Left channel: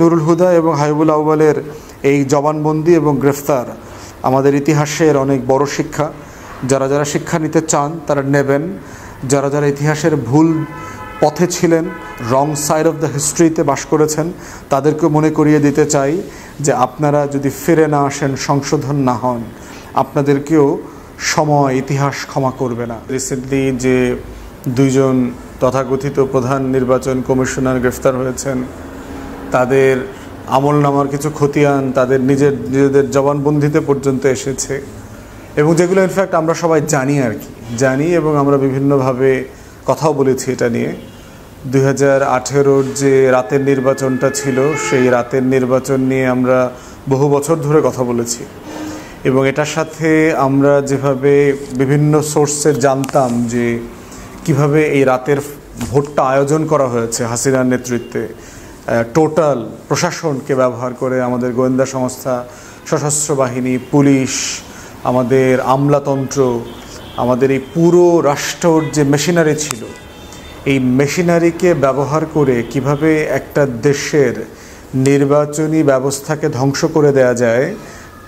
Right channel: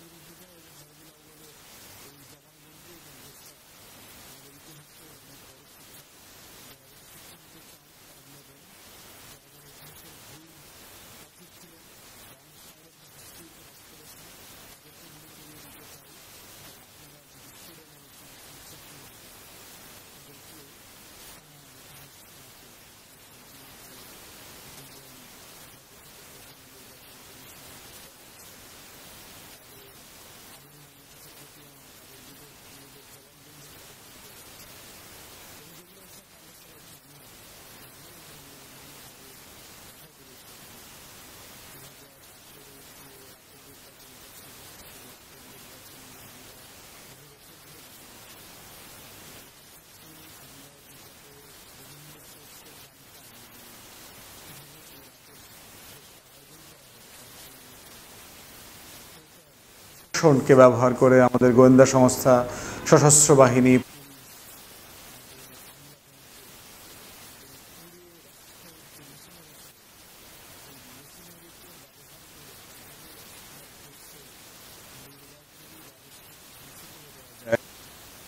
নুরুল হুদা এবং হাবিবুল আউয়ালের এই জবানবন্দি এবং গ্রেফতার আমাদের ইতিহাসের অনেক বড় শিক্ষা। যারা যারা শিক্ষা নিতে চান তারা নেবেন। যারা যারা ইতিহাসের ভুল পথে ছিলেন, রং সাইড অফ দ্য হিস্ট্রিতে বাস করেছেন, তাদেরকে মনে করিয়ে দিতে চাই যে আপনারা যদি ফিরে না আসেন, সংশোধন না হন, আপনাদেরকেও সময় ইতিহাস ক্ষমা করবে না। রিসেন্টলি যে দুইজন তথাকথিত প্রধান নির্বাচন কমিশনার গ্রেফতার হয়েছেন, তাদের আমলনামার কিছু খতিয়ান তাদের নিজেদের জবানবন্দিতে পর্যন্ত এসেছে, এবং যেগুলো ইনফ্যাক্ট আমরা সবাই জানি জানি এবং আমরা বিভিন্নভাবে কথাও বলেছি এটা নিয়ে। 2018-র যে রাতের নির্বাচনটা ছিল, সেই রাতের নির্বাচন নিয়ে আমরা বহু বছর ধরে কথা বলেছি, এবং এটার সাথে আমরা যেভাবে বিভিন্ন সোর্সে জানতাম যে কিভাবে এই রাতের ভোটটা আয়োজন করা হয়েছে হাসিনার নেতৃত্বে, টোটাল প্রশাসনকে ব্যবহার করে, আমাদের গোয়েন্দা সংস্থা, সশস্ত্র বাহিনী, পুলিশ, আমাদের আমলাতন্ত্র, আমাদের এই পুরো রাষ্ট্রর যে মেশিনারি ছিল, এই মেশিনারিকে ব্যবহার করে কিভাবে একটা দেশের নির্বাচনী ব্যবস্থাকে ধ্বংস করে দেয়া যায়,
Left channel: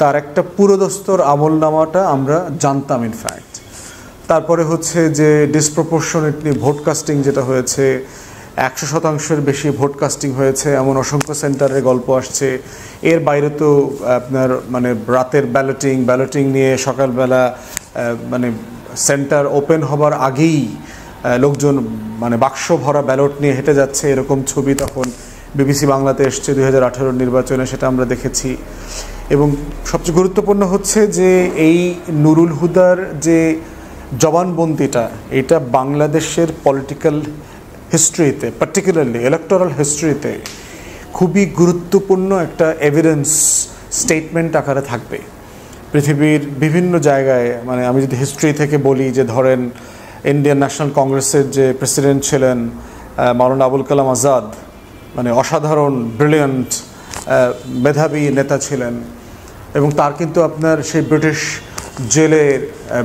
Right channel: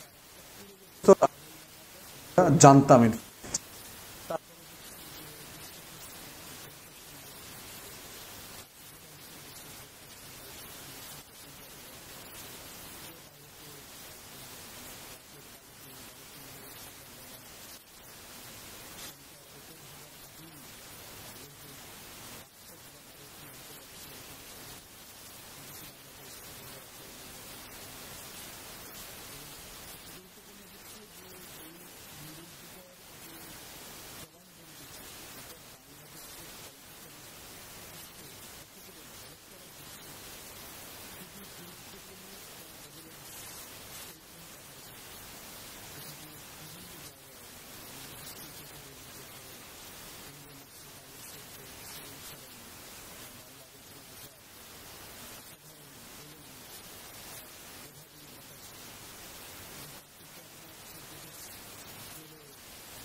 তার একটা পুরোদস্তর আমলনামাটা আমরা জানতাম ইনফ্যাক্ট। তারপরে হচ্ছে যে ডিসপ্রপোর্শনেটলি ভোটকাস্টিং যেটা হয়েছে, 100%-এর বেশি ভোটকাস্টিং হয়েছে, এমন অসংখ্য সেন্টারের গল্প আসছে। এর বাইরে তো আপনার রাতের ব্যালটিং নিয়ে সকালবেলা সেন্টার ওপেন হবার আগেই লোকজন বাক্স ভরা ব্যালট নিয়ে হেঁটে যাচ্ছে, এরকম ছবি তখন বিবিসি বাংলাতে এসছে 2018 নির্বাচনে, সেটা আমরা দেখেছি। এবং সবচেয়ে গুরুত্বপূর্ণ হচ্ছে যে এই নুরুল হুদার যে জবানবন্দিটা, এটা বাংলাদেশের পলিটিক্যাল হিস্ট্রিতে, পার্টিকুলারলি ইলেকটোরাল হিস্ট্রিতে খুবই গুরুত্বপূর্ণ একটা এভিডেন্স স্টেটমেন্ট আকারে থাকবে পৃথিবীর বিভিন্ন জায়গায়। আমি যদি হিস্ট্রি থেকে বলি, যে ধরেন ইন্ডিয়ান ন্যাশনাল কংগ্রেসের যে প্রেসিডেন্ট ছিলেন মাওলানা আবুল কালাম আজাদ, অসাধারণ ব্রিলিয়ান্ট মেধাবী নেতা ছিলেন, এবং তার কিন্তু আপনার সেই ব্রিটিশ জেলে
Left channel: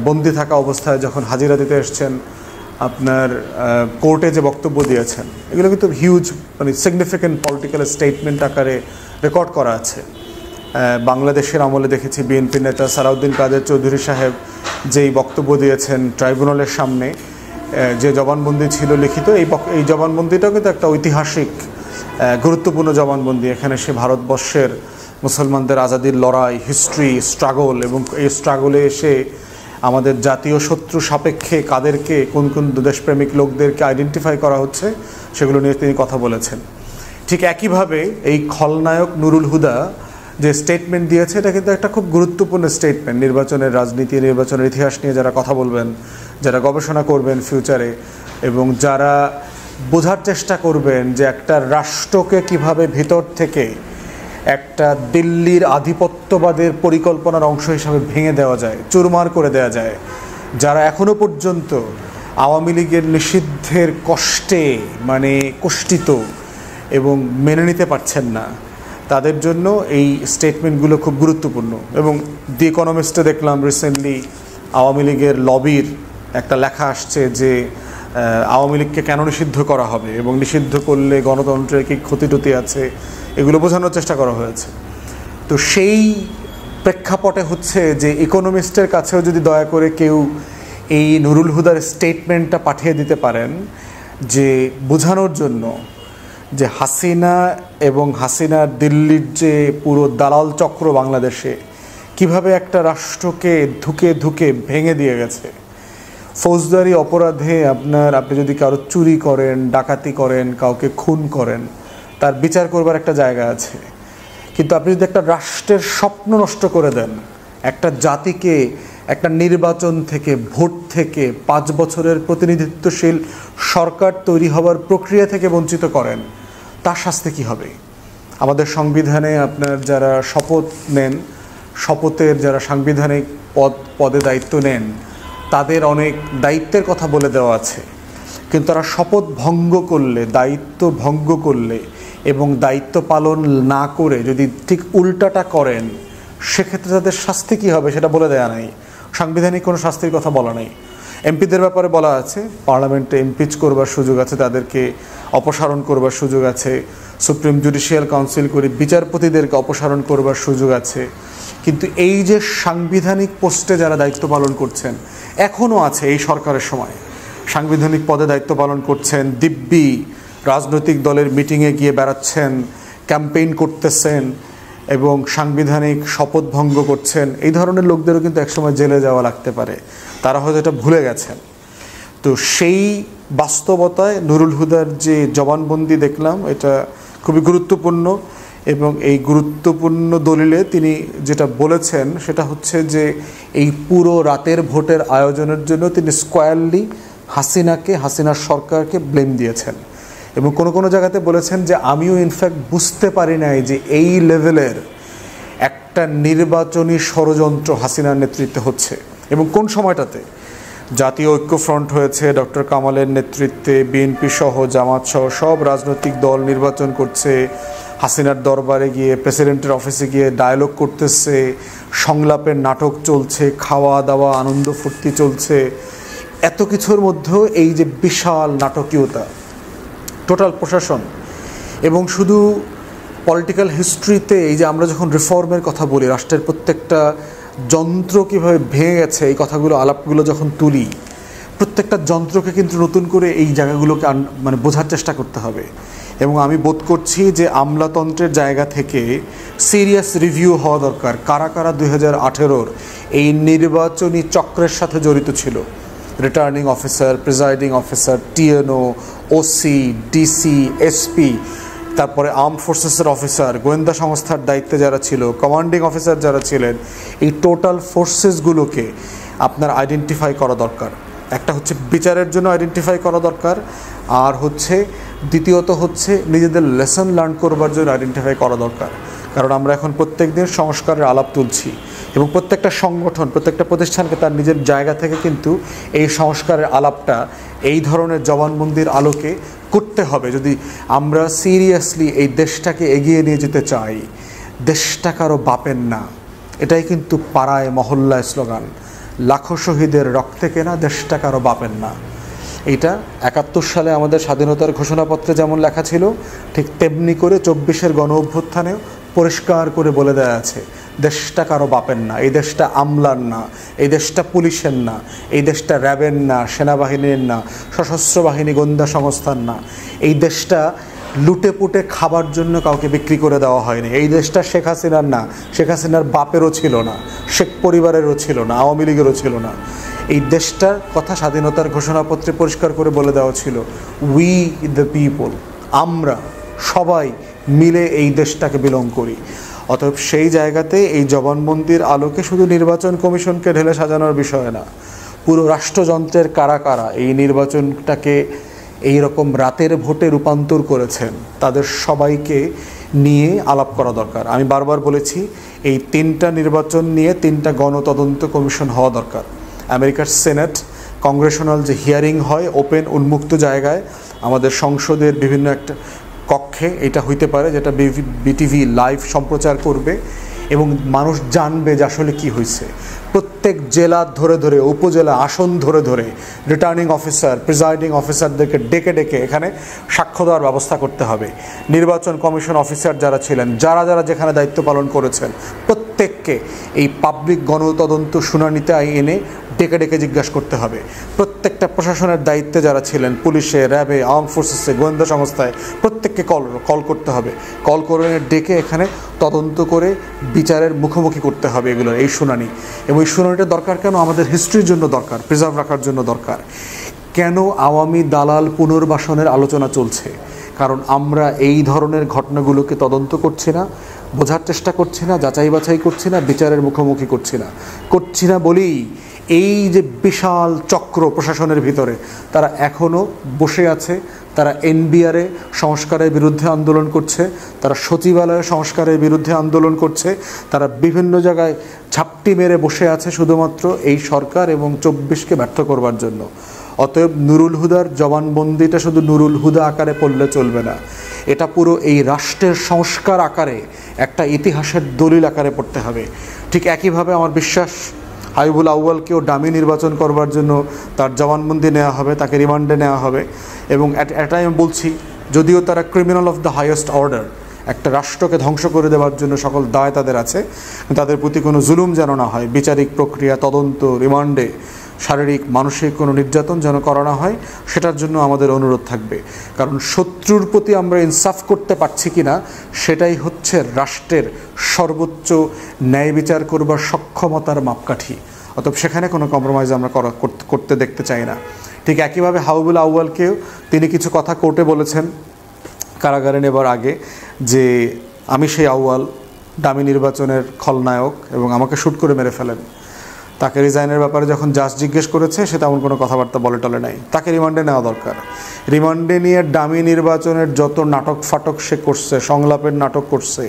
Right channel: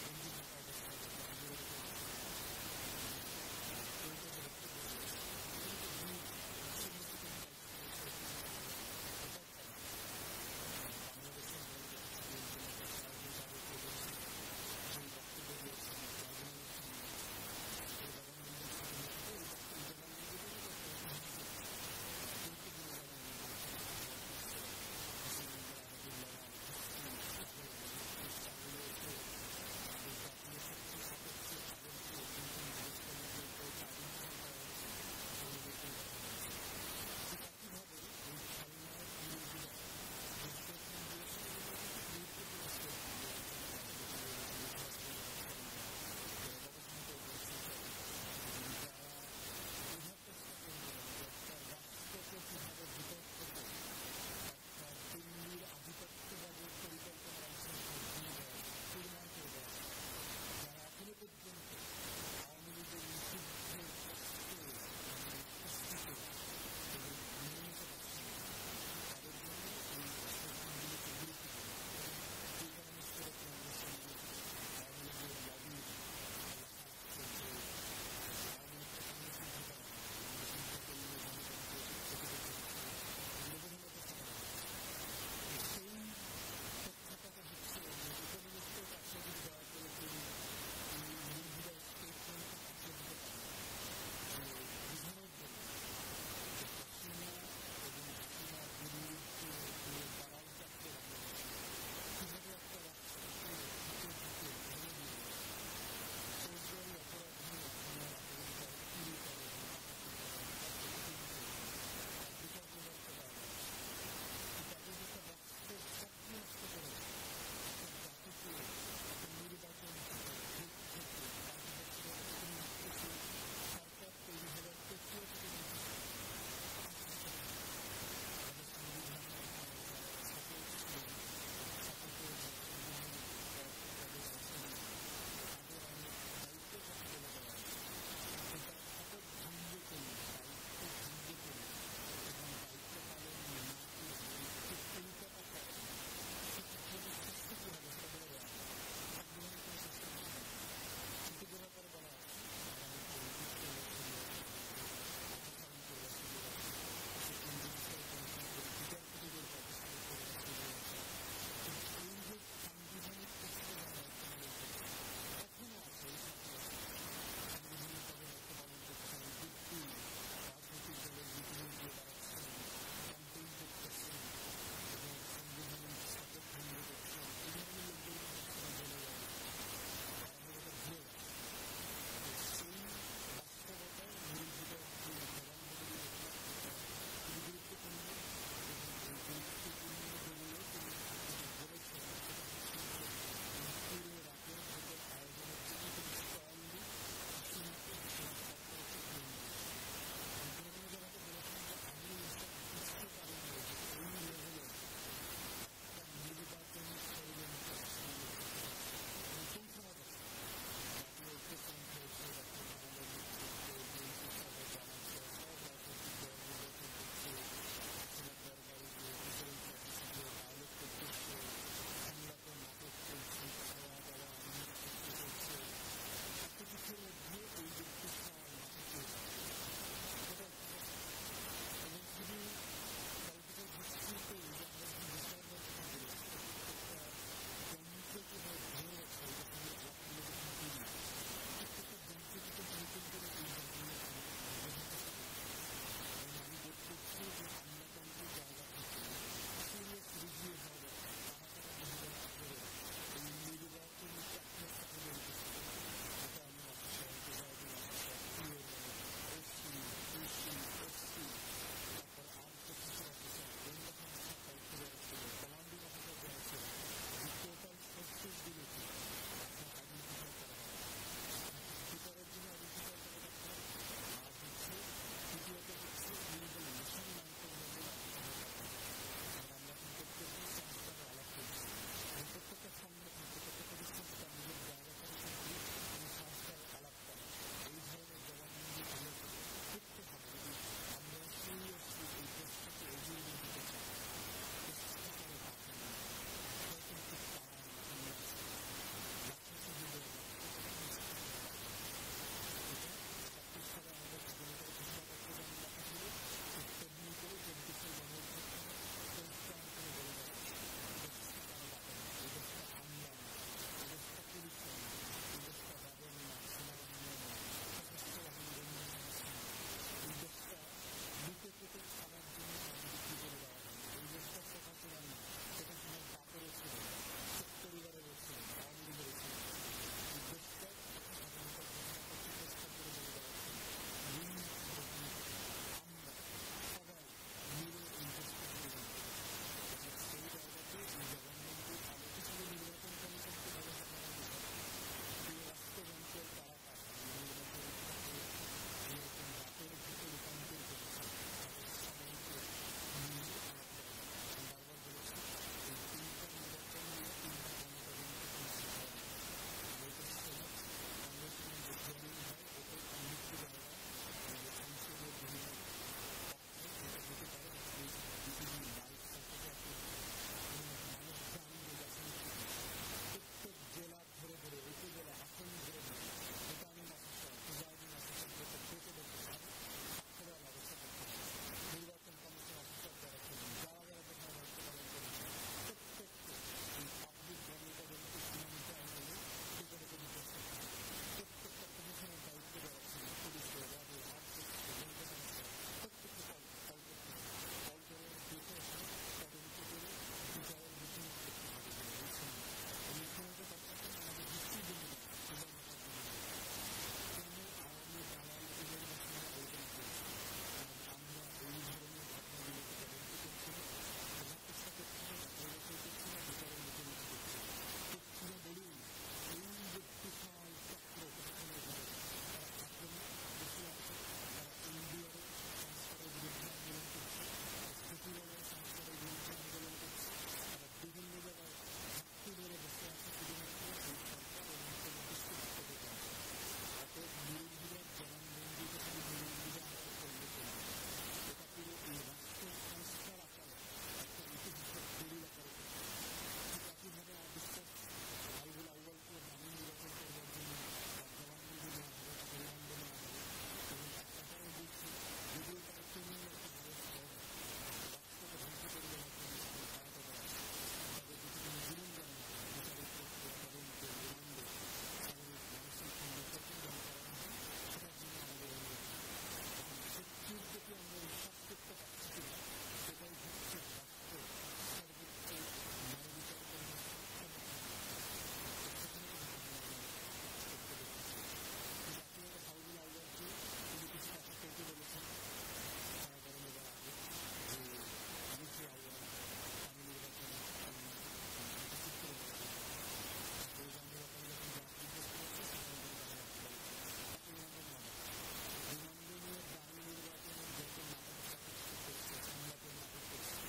বন্দি থাকা অবস্থায় যখন হাজিরা দিতে এসছেন, আপনার কোর্টে যে বক্তব্য দিয়েছেন, এগুলো কিন্তু হিউজ সিগনিফিক্যান্ট পলিটিক্যাল স্টেটমেন্ট আকারে রেকর্ড করা আছে। বাংলাদেশের আমলে দেখেছি বিএনপি নেতা সালাউদ্দিন কাদের চৌধুরী সাহেব যেই বক্তব্য দিয়েছেন ট্রাইব্যুনালের সামনে, যে জবানবন্দি ছিল লিখিত, এই জবানবন্দিটাও কিন্তু একটা ঐতিহাসিক গুরুত্বপূর্ণ জবানবন্দি। এখানে সে ভারতবর্ষের মুসলমানদের আজাদির লড়াই, হিস্ট্রি, স্ট্রাগল, এবং এই স্ট্রাগলে এসে আমাদের জাতীয় শত্রু সাপেক্ষে কাদেরকে, কোন কোন দেশপ্রেমিক লোকদেরকে আইডেন্টিফাই করা হচ্ছে, সেগুলো নিয়ে তিনি কথা বলেছেন। ঠিক একইভাবে এই খলনায়ক নুরুল হুদা যে স্টেটমেন্ট দিয়েছে, এটা কিন্তু একটা খুব গুরুত্বপূর্ণ স্টেটমেন্ট নির্বাচনের রাজনীতি, নির্বাচনের ইতিহাস নিয়ে যারা কথা বলবেন, যারা গবেষণা করবেন ফিউচারে, এবং যারা বোঝার চেষ্টা করবেন যে একটা রাষ্ট্রকে কিভাবে ভিতর থেকে একটা দিল্লির আধিপত্যবাদের পরিকল্পনার অংশ হিসাবে ভেঙে দেওয়া যায়, চুরমার করে দেওয়া যায়। যারা এখনো পর্যন্ত আওয়ামী লীগের নিষিদ্ধের কষ্টে কষ্টিত এবং মেনে নিতে পারছেন না, তাদের জন্য এই স্টেটমেন্টগুলো খুব গুরুত্বপূর্ণ। এবং দি ইকোনমিস্টে দেখলাম রিসেন্টলি আওয়ামী লীগের লবির একটা লেখা আসছে যে আওয়ামী লীগকে কেন নিষিদ্ধ করা হবে, এবং নিষিদ্ধ করলে গণতন্ত্রের কী ক্ষতিটতি আছে, এগুলো বোঝানোর চেষ্টা করা হয়েছে। তো সেই প্রেক্ষাপটে হচ্ছে যে ইকোনমিস্টের কাছেও যদি দয়া করে কেউ এই নুরুল হুদার স্টেটমেন্টটা পাঠিয়ে দিতে পারেন, যে বোঝানোর জন্য যে হাসিনা এবং হাসিনার দিল্লির যে পুরো দালাল চক্র বাংলাদেশে কিভাবে একটা রাষ্ট্রকে ধুকে ধুকে ভেঙে দিয়ে গেছে। ফৌজদারি অপরাধে আপনি যদি কারো চুরি করেন, ডাকাতি করেন, কাউকে খুন করেন, তার বিচার করবার একটা জায়গা আছে। কিন্তু আপনি যদি একটা রাষ্ট্রের স্বপ্ন নষ্ট করে দেন, একটা জাতিকে একটা নির্বাচন থেকে, ভোট থেকে, 5 বছরের প্রতিনিধিত্বশীল সরকার তৈরি হবার প্রক্রিয়া থেকে বঞ্চিত করেন, তার শাস্তি কী হবে? আমাদের সংবিধানে আপনার যারা শপথ নেন, শপথের যারা সাংবিধানিক পদে দায়িত্ব নেন, তাদের অনেক দায়িত্বের কথা বলে দেওয়া আছে, কিন্তু তারা শপথ ভঙ্গ করলে, দায়িত্ব ভঙ্গ করলে এবং দায়িত্ব পালন না করে যদি ঠিক উল্টাটা করেন, সেক্ষেত্রে তাদের শাস্তি কী হবে সেটা বলে দেওয়া নাই। সাংবিধানিক কোনো শাস্তির কথা বলা নেই। এমপিদের ব্যাপারে বলা আছে, পার্লামেন্টে ইমপিচ করবার সুযোগ আছে তাদেরকে, অপসারণ করবার সুযোগ আছে, সুপ্রিম জুডিশিয়াল কাউন্সিল করে বিচারপতিদেরকে অপসারণ করবার সুযোগ আছে। কিন্তু এই যে সাংবিধানিক পোস্টে যারা দায়িত্ব পালন করছেন, এখনও আছে এই সরকারের সময় সাংবিধানিক পদে দায়িত্ব পালন করছেন, দিব্যি রাজনৈতিক দলের মিটিংয়ে গিয়ে বেড়াচ্ছেন, ক্যাম্পেইন করতেছেন এবং সাংবিধানিক শপথ ভঙ্গ করছেন, এই ধরনের লোকদেরও কিন্তু একসময় জেলে যাওয়া লাগতে পারে। তারা হয়তো এটা ভুলে গেছেন। তো সেই বাস্তবতায় নুরুল হুদার যে জবানবন্দি দেখলাম, এটা খুবই গুরুত্বপূর্ণ। এবং এই গুরুত্বপূর্ণ দলিলে তিনি যেটা বলেছেন সেটা হচ্ছে যে এই পুরো রাতের ভোটের আয়োজনের জন্য তিনি স্কোয়ারলি হাসিনার সরকারকে ব্লেম দিয়েছেন। এবং কোনো কোনো জায়গাতে বলেছেন যে আমিও ইনফ্যাক্ট বুঝতে পারি নাই যে এই লেভেলের একটা নির্বাচনী ষড়যন্ত্র হাসিনার নেতৃত্বে হচ্ছে। এবং কোন সময়টাতে জাতীয় ঐক্যফ্রন্ট হয়েছে ডক্টর কামালের নেতৃত্বে, বিএনপি সহ জামাত সহ সব রাজনৈতিক দল নির্বাচন করছে, হাসিনার দরবারে গিয়ে প্রেসিডেন্টের অফিসে গিয়ে ডায়ালগ করতেছে, সংলাপের নাটক চলছে, খাওয়া দাওয়া আনন্দ ফুর্তি চলছে। এত কিছুর মধ্যেও এই যে বিশাল নাটকীয়তা, টোটাল প্রশাসন এবং শুধু পলিটিক্যাল হিস্ট্রিতে এই যে আমরা যখন রিফর্মের কথা বলি, রাষ্ট্রের প্রত্যেকটা যন্ত্র কীভাবে ভেঙে গেছে, এই কথাগুলো আলাপগুলো যখন তুলি, প্রত্যেকটা যন্ত্রকে কিন্তু নতুন করে এই জায়গাগুলোকে মানে বোঝার চেষ্টা করতে হবে। এবং আমি বোধ করছি যে আমলাতন্ত্রের জায়গা থেকে সিরিয়াস রিভিউ হওয়া দরকার, কারা কারা 2018-র এই নির্বাচনী চক্রের সাথে জড়িত ছিল। Returning officer, presiding officer, TNO, OC, DC, SP, তারপরে আর্মড ফোর্সেসের অফিসার, গোয়েন্দা সংস্থার দায়িত্বে যারা ছিল, কমান্ডিং অফিসার যারা ছিলেন, এই টোটাল ফোর্সেসগুলোকে আপনার আইডেন্টিফাই করা দরকার। একটা হচ্ছে বিচারের জন্য আইডেন্টিফাই করা দরকার, আর হচ্ছে দ্বিতীয়ত হচ্ছে নিজেদের লেসন লার্ন করবার জন্য আইডেন্টিফাই করা দরকার। কারণ আমরা এখন প্রত্যেক দিন সংস্কারের আলাপ তুলছি এবং প্রত্যেকটা সংগঠন, প্রত্যেকটা প্রতিষ্ঠানকে তার নিজের জায়গা থেকে কিন্তু এই সংস্কারের আলাপটা এই ধরনের জবানবন্দির আলোকে করতে হবে। যদি আমরা সিরিয়াসলি এই দেশটাকে এগিয়ে নিয়ে যেতে চাই, দেশটা কারো বাপের না, এটাই কিন্তু পাড়ায় মহল্লায় স্লোগান, লাখো শহীদের রক্তে কেনা দেশটা কারো বাপের না। এইটা 71 সালে আমাদের স্বাধীনতার ঘোষণাপত্রে যেমন লেখা ছিল, ঠিক তেমনি করে 24-এর গণ অভ্যুত্থানেও পরিষ্কার করে বলে দেওয়া আছে, দেশটা কারো বাপের না, এই দেশটা আমলার না, এই দেশটা পুলিশের না, এই দেশটা র্যাবের না, সেনাবাহিনীর না, সশস্ত্র বাহিনী গোয়েন্দা সংস্থার না, এই দেশটা লুটে পুটে খাবার জন্য কাউকে বিক্রি করে দেওয়া হয়নি, এই দেশটা শেখ হাসিনার না, শেখ হাসিনার বাপেরও ছিল না, শেখ পরিবারেরও ছিল না, আওয়ামী লীগেরও ছিল না। এই দেশটার কথা স্বাধীনতার ঘোষণাপত্রে পরিষ্কার করে বলে দেওয়া ছিল, উই দ্য পিপল, আমরা সবাই মিলে এই দেশটাকে বিলং করি। অতএব সেই জায়গাতে এই জবানবন্দির আলোকে শুধু নির্বাচন কমিশনকে ঢেলে সাজানোর বিষয় না, পুরো রাষ্ট্রযন্ত্রের কারা কারা এই নির্বাচনটাকে এই রকম রাতের ভোটে রূপান্তর করেছেন, তাদের সবাইকে নিয়ে আলাপ করা দরকার। আমি বারবার বলেছি, এই 3টা নির্বাচন নিয়ে 3টা গণতদন্ত কমিশন হওয়া দরকার। আমেরিকার সেনেট কংগ্রেশনাল যে হিয়ারিং হয় ওপেন উন্মুক্ত জায়গায়, আমাদের সংসদের বিভিন্ন একটা কক্ষে এটা হইতে পারে, যেটা বিটিভি লাইভ সম্প্রচার করবে এবং মানুষ জানবে যে আসলে কী হয়েছে। প্রত্যেক জেলা ধরে ধরে, উপজেলা আসন ধরে ধরে রিটার্নিং অফিসার, প্রিজাইডিং অফিসারদেরকে ডেকে ডেকে এখানে সাক্ষ্য দেওয়ার ব্যবস্থা করতে হবে। নির্বাচন কমিশন অফিসার যারা ছিলেন, যারা যারা যেখানে দায়িত্ব পালন করেছেন, প্রত্যেককে এই পাবলিক গণতদন্ত শুনানিতে এনে ডেকে ডেকে জিজ্ঞাসা করতে হবে। প্রত্যেকটা প্রশাসনের দায়িত্বে যারা ছিলেন, পুলিশে, র্যাবে, আর্মড ফোর্সেসে, গোয়েন্দা সংস্থায়, প্রত্যেককে কল করতে হবে। কল করে ডেকে এখানে তদন্ত করে বিচারের মুখোমুখি করতে হবে এগুলোর এই শুনানি। এবং এই শুনানিটা দরকার কেন? আমাদের হিস্ট্রির জন্য দরকার, প্রিজার্ভ রাখার জন্য দরকার। কেন আওয়ামী দালাল পুনর্বাসনের আলোচনা চলছে? কারণ আমরা এই ধরনের ঘটনাগুলোকে তদন্ত করছি না, বোঝার চেষ্টা করছি না, যাচাই বাছাই করছি না, বিচারের মুখোমুখি করছি না বলেই এই যে বিশাল চক্র প্রশাসনের ভিতরে, তারা এখনও বসে আছে। তারা এনবিআরে সংস্কারের বিরুদ্ধে আন্দোলন করছে, তারা সচিবালয়ে সংস্কারের বিরুদ্ধে আন্দোলন করছে, তারা বিভিন্ন জায়গায় ঝাপটি মেরে বসে আছে শুধুমাত্র এই সরকার এবং 24কে ব্যর্থ করবার জন্য। অতএব নুরুল হুদার জবানবন্দিটা শুধু নুরুল হুদা আকারে পড়লে চলবে না, এটা পুরো এই রাষ্ট্রের সংস্কার আকারে, একটা ইতিহাসের দলিল আকারে পড়তে হবে। ঠিক একইভাবে আমার বিশ্বাস হাবিবুল আউয়ালকেও ডামি নির্বাচন করবার জন্য তার জবানবন্দি নেওয়া হবে, তাকে রিমান্ডে নেওয়া হবে। এবং এটাই আমি বলছি, যদিও তারা criminal of the highest order, একটা রাষ্ট্রকে ধ্বংস করে দেওয়ার জন্য সকল দায় তাদের আছে, তাদের প্রতি কোনো জুলুম যেন না হয়, বিচারিক প্রক্রিয়া, তদন্ত, রিমান্ডে শারীরিক মানসিক কোনো নির্যাতন যেন করা না হয়, সেটার জন্য আমাদের অনুরোধ থাকবে। কারণ শত্রুর প্রতি আমরা ইনসাফ করতে পারছি কি না সেটাই হচ্ছে রাষ্ট্রের সর্বোচ্চ ন্যায় বিচার করবার সক্ষমতার মাপকাঠি। অতএব সেখানে কোনো কম্প্রোমাইজ আমরা করতে দেখতে চাই না। ঠিক একইভাবে হাবিবুল আউয়ালকেও তিনি কিছু কথা কোর্টে বলেছেন কারাগারে নেবার আগে, যে আমি সেই আউয়াল, ডামি নির্বাচনের খলনায়ক, এবং আমাকে শ্যুট করে মেরে ফেলেন। তাকে রিজাইনের ব্যাপারে যখন জাজ জিজ্ঞেস করেছে সে তেমন কোনো কথাবার্তা বলে টলে নাই। তাকে রিমান্ডে নেওয়া দরকার। রিমান্ডে নিয়ে ডামি নির্বাচনের যত নাটক ফাটক সে করছে, সংলাপের নাটক করছে,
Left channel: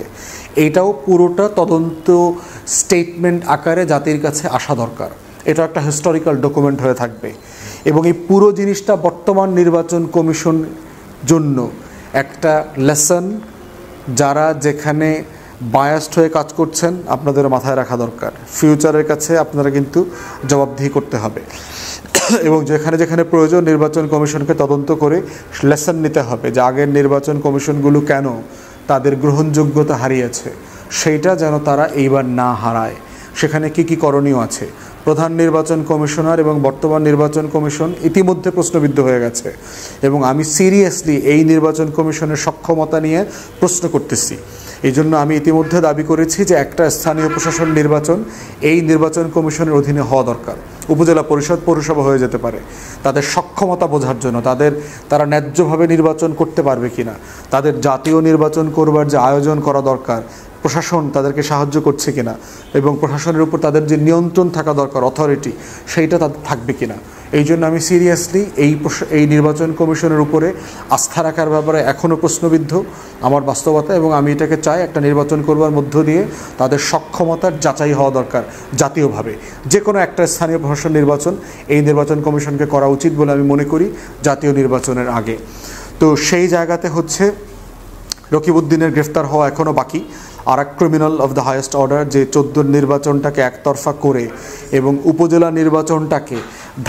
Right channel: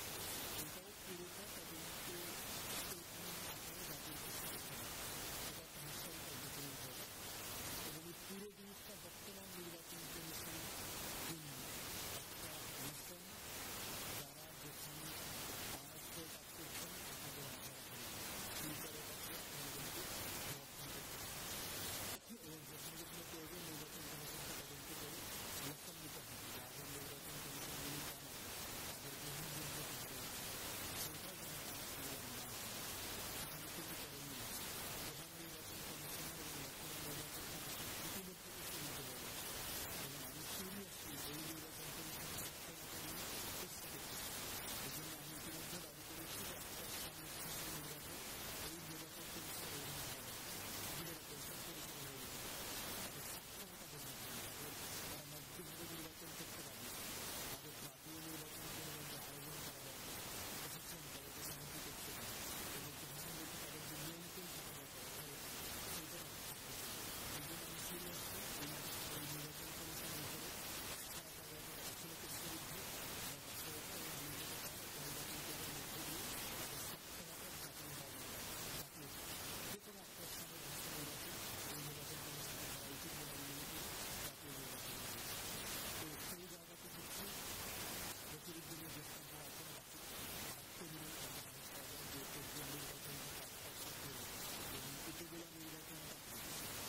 এইটাও পুরোটা তদন্ত স্টেটমেন্ট আকারে জাতির কাছে আসা দরকার। এটা একটা হিস্টোরিক্যাল ডকুমেন্ট হয়ে থাকবে এবং এই পুরো জিনিসটা বর্তমান নির্বাচন কমিশন জন্য একটা লেসন। যারা যেখানে বায়াসড হয়ে কাজ করছেন আপনাদের মাথায় রাখা দরকার, ফিউচারের কাছে আপনারা কিন্তু জবাবদিহি করতে হবে এবং যেখানে যেখানে প্রয়োজন নির্বাচন কমিশনকে তদন্ত করে লেসন নিতে হবে যে আগের নির্বাচন কমিশনগুলো কেন তাদের গ্রহণযোগ্যতা হারিয়েছে, সেইটা যেন তারা এইবার না হারায়। সেখানে কি কি করণীয় আছে। প্রধান নির্বাচন কমিশনার এবং বর্তমান নির্বাচন কমিশন ইতিমধ্যে প্রশ্নবিদ্ধ হয়ে গেছে এবং আমি সিরিয়াসলি এই নির্বাচন কমিশনের সক্ষমতা নিয়ে প্রশ্ন করতেছি। এই জন্য আমি ইতিমধ্যে দাবি করেছি যে একটা স্থানীয় প্রশাসন নির্বাচন এই নির্বাচন কমিশনের অধীনে হওয়া দরকার। উপজেলা পরিষদ, পৌরসভা হয়ে যেতে পারে। তাদের সক্ষমতা বোঝার জন্য, তারা ন্যায্যভাবে নির্বাচন করতে পারবে কিনা, তাদের জাতীয় নির্বাচন করবার যে আয়োজন করা দরকার প্রশাসন তাদেরকে সাহায্য করছে কিনা, এবং প্রশাসনের উপর তাদের যে নিয়ন্ত্রণ থাকা দরকার, অথরিটি, সেইটা তাদের থাকবে কিনা। এই জন্য আমি সিরিয়াসলি এই নির্বাচন কমিশনের উপরে আস্থা রাখার ব্যাপারে এখনও প্রশ্নবিদ্ধ আমার বাস্তবতা, এবং আমি এটাকে চাই একটা নির্বাচন করবার মধ্য দিয়ে তাদের সক্ষমতার যাচাই হওয়া দরকার জাতীয়ভাবে। যে কোনো একটা স্থানীয় প্রশাসন নির্বাচন এই নির্বাচন কমিশনকে করা উচিত বলে আমি মনে করি জাতীয় নির্বাচনের আগে। তো সেই জায়গাতে হচ্ছে রকিবউদ্দিনের গ্রেফতার হওয়া এখনও বাকি। আর এক criminal of the highest order যে 14 নির্বাচনটাকে একতরফা করে এবং উপজেলা নির্বাচনটাকে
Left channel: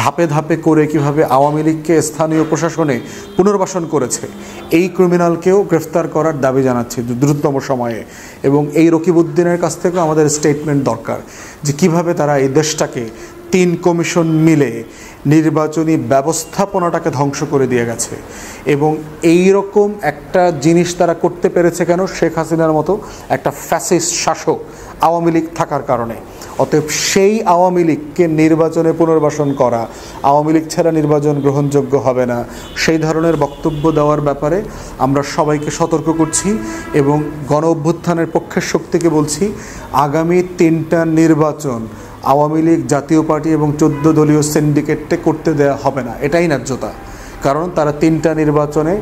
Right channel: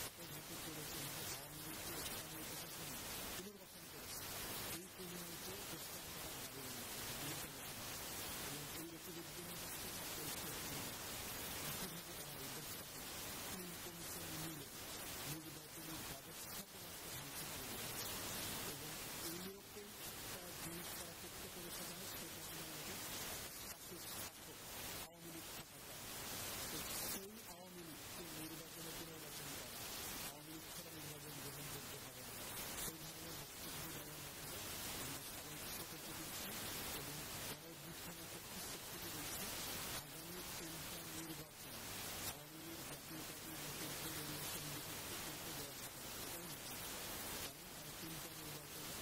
ধাপে ধাপে করে কিভাবে আওয়ামী লীগকে স্থানীয় প্রশাসনে পুনর্বাসন করেছে, এই ক্রিমিনালকেও গ্রেফতার করার দাবি জানাচ্ছি দ্রুততম সময়ে। এবং এই রকিবউদ্দিনের কাছ থেকেও আমাদের স্টেটমেন্ট দরকার যে কিভাবে তারা এই দেশটাকে 3 কমিশন মিলে নির্বাচনী ব্যবস্থাপনাটাকে ধ্বংস করে দিয়ে গেছে। এবং এই রকম একটা জিনিস তারা করতে পেরেছে কেন? শেখ হাসিনার মতো একটা ফ্যাসিস্ট শাসক আওয়ামী লীগ থাকার কারণে। অতএব সেই আওয়ামী লীগকে নির্বাচনে পুনর্বাসন করা, আওয়ামী লীগ ছাড়া নির্বাচন গ্রহণযোগ্য হবে না, সেই ধরনের বক্তব্য দেওয়ার ব্যাপারে আমরা সবাইকে সতর্ক করছি এবং গণ অভ্যুত্থানের পক্ষের শক্তিকে বলছি আগামী 3টা নির্বাচন আওয়ামী লীগ, জাতীয় পার্টি এবং 14 দলীয় সিন্ডিকেটে করতে দেওয়া হবে না। এটাই ন্যায্যতা। কারণ তারা 3টা নির্বাচনে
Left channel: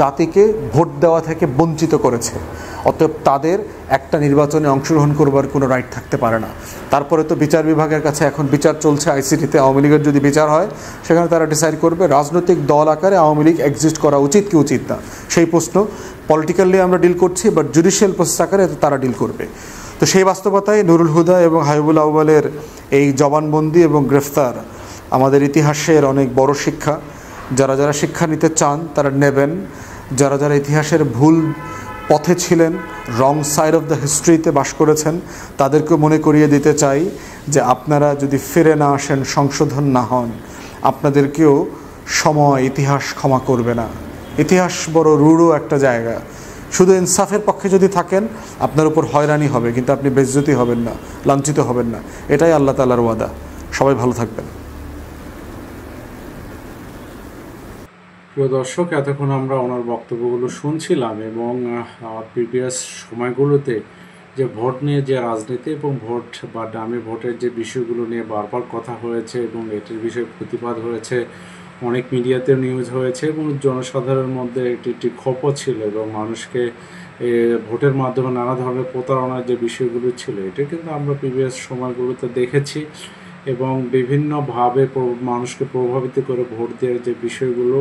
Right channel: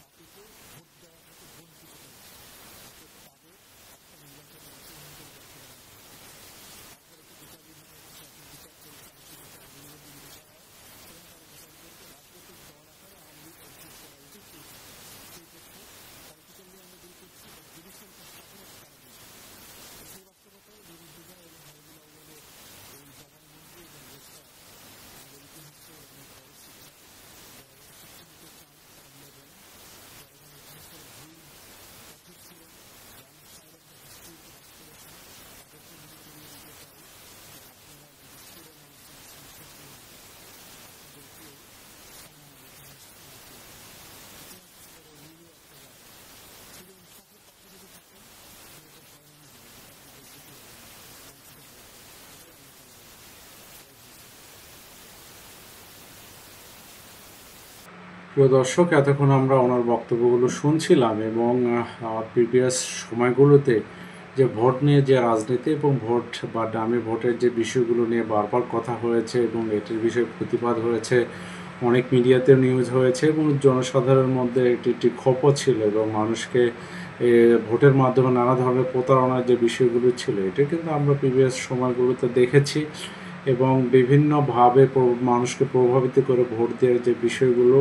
জাতিকে ভোট দেওয়া থেকে বঞ্চিত করেছে। অতএব তাদের একটা নির্বাচনে অংশগ্রহণ করবার কোনো রাইট থাকতে পারে না। তারপরে তো বিচার বিভাগের কাছে এখন বিচার চলছে আইসিটিতে। আওয়ামী লীগের যদি বিচার হয় সেখানে তারা ডিসাইড করবে রাজনৈতিক দল আকারে আওয়ামী লীগ এক্সিস্ট করা উচিত কি উচিত না। সেই প্রশ্ন পলিটিক্যালি আমরা ডিল করছি, বাট জুডিশিয়াল প্রসেস আকারে তারা ডিল করবে। তো সেই বাস্তবতায় নুরুল হুদা এবং হাবিবুল আউয়ালের এই জবানবন্দি এবং গ্রেফতার আমাদের ইতিহাসের অনেক বড় শিক্ষা। যারা যারা শিক্ষা নিতে চান তারা নেবেন। যারা যারা ইতিহাসের ভুল পথে ছিলেন, রং সাইড অফ দ্য হিস্ট্রিতে বাস করেছেন, তাদেরকে মনে করিয়ে দিতে চাই যে আপনারা যদি ফিরে না আসেন, সংশোধন না হন, আপনাদেরকেও সময়, ইতিহাস ক্ষমা করবে না। ইতিহাস বড় রূঢ় একটা জায়গা। শুধু ইনসাফের পক্ষে যদি থাকেন আপনার উপর হয়রানি হবে, কিন্তু আপনি বেজ্জতি হবেন না, লাঞ্ছিত হবেন না। এটাই আল্লাহ তাআলার ওয়াদা। সবাই ভালো থাকবেন। প্রিয় দর্শক, এতক্ষণ আমরা ওনার বক্তব্যগুলো শুনছিলাম এবং প্রিভিয়াস সময়গুলোতে যে ভোট নিয়ে যে রাজনীতি এবং ভোট বা ডামি ভোটের যে বিষয়গুলো নিয়ে বারবার কথা হয়েছে এবং এটির বিষয়ে প্রতিবাদ হয়েছে, অনেক মিডিয়াতে নিউজ হয়েছে এবং জনসাধারণের মধ্যে একটি ক্ষোভও ছিল এবং মানুষকে ভোটের মাধ্যমে নানা ধরনের প্রতারণার যে বিষয়গুলো ছিল, এটা কিন্তু আমরা প্রিভিয়াস সময়গুলোতে দেখেছি এবং বিভিন্নভাবে মানুষকে প্রভাবিত করে ভোট দেওয়ার যে বিষয়গুলো,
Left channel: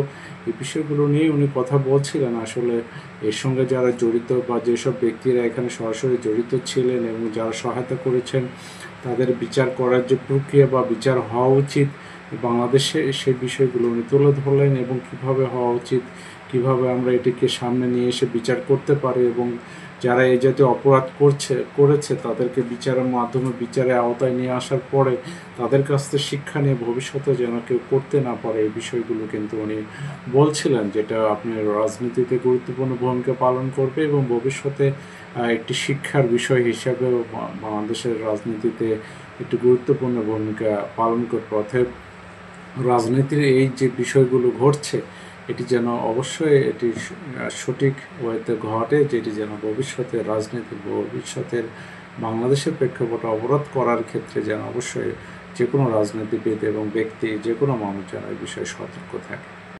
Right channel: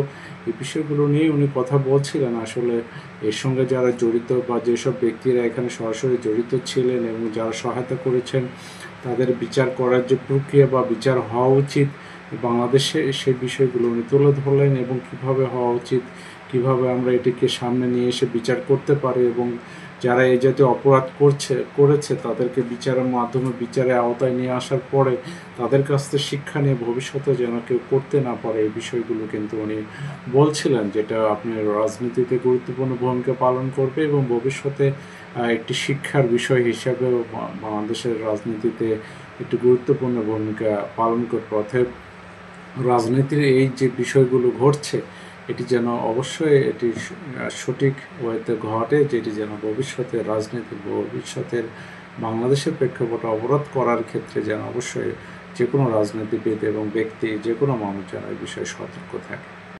এই বিষয়গুলো নিয়ে উনি কথা বলছিলেন। আসলে এর সঙ্গে যারা জড়িত বা যেসব ব্যক্তিরা এখানে সরাসরি জড়িত ছিলেন এবং যারা সহায়তা করেছেন তাদের বিচার করার যে প্রক্রিয়া বা বিচার হওয়া উচিত বাংলাদেশে, সেই বিষয়গুলো উনি তুলে ধরলেন এবং কীভাবে হওয়া উচিত কিভাবে আমরা এটিকে সামনে নিয়ে এসে বিচার করতে পারি এবং যারা এই জাতীয় অপরাধ করেছে তাদেরকে বিচারের মাধ্যমে বিচারের আওতায় নিয়ে আসার পরে তাদের কাছ থেকে শিক্ষা নিয়ে ভবিষ্যতে যেন কেউ করতে না পারে, এই বিষয়গুলো কিন্তু উনি বলছিলেন, যেটা আপনার রাজনীতিতে গুরুত্বপূর্ণ ভূমিকা পালন করবে এবং ভবিষ্যতে একটি শিক্ষার বিষয় হিসাবে বাংলাদেশের রাজনীতিতে একটি গুরুত্বপূর্ণ ভূমিকা পালন করবে। অতএব রাজনীতির এই যে বিষয়গুলো ঘটছে এটি যেন অবশ্যই এটি সঠিক ওয়েতে ঘটে, যেটি যেন ভবিষ্যতের বাংলাদেশের প্রেক্ষাপটে অবরোধ করার ক্ষেত্রে যেন অবশ্যই যে কোনো রাজনীতিবিদ এবং ব্যক্তি, যে কোনো মানুষ যেন এই বিষয়ে সতর্ক থাকে।